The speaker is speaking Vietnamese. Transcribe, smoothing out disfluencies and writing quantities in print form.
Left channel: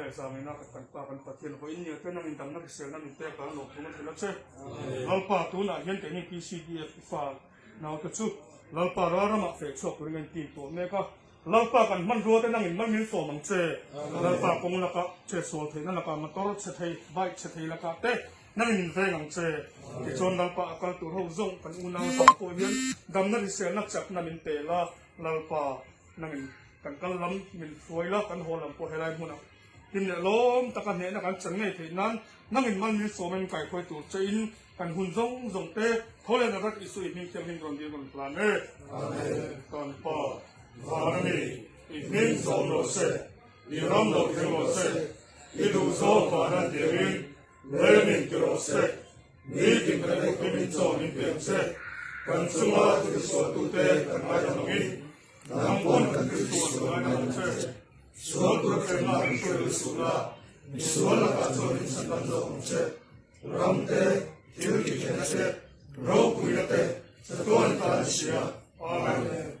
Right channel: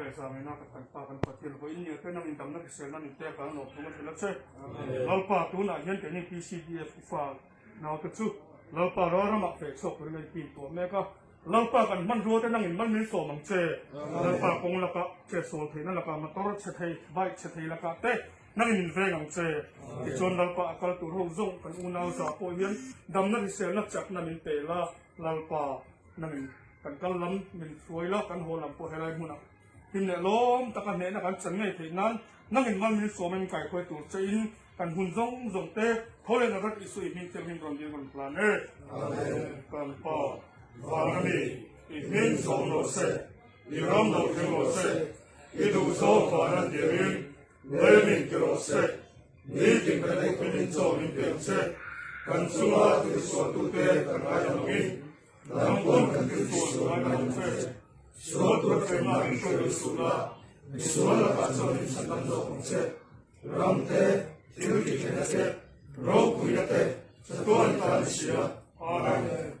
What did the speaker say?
le sa mai na kan pa kan pathian ho in ne te nang dam na sel na mi te ka no thu ma thela che lalpa tu na hian te ni PCDF fa naw te chu lalpa ra ma fe chok ri men tin to me ka lalpa kan man ro te nang in man min so mang che lalpa kong la ka che so the na ka ma tor che thei bai che thei la ka te nang in ve nang che ti chon lalpa kal tu ho zong kan u na sa ko hian dam na sel na chak na min te la lalpa nang in kan kal lam min foi la kan ho lam ko helai mun tin le lom ta kan ne na kan chen ne thi nan nang in man min so men kai ko tu che in kan hun zong zong te khole na rak isu min tel min gon dia gon plan amen kan pa Vani, min so lo se, ni ram lo ke lo se, i du so pa na de min, le min ke lo se, ni ki ka ko min so min pe se, kan suma tu so tu te kan a jam min, nam pon kan tu so na se, so tu ke ma ki so su la, ni so la ka so ni sa kan so se, ram te, ti ki ke na se, ro ku ya te, sa tu an ta sia, amen.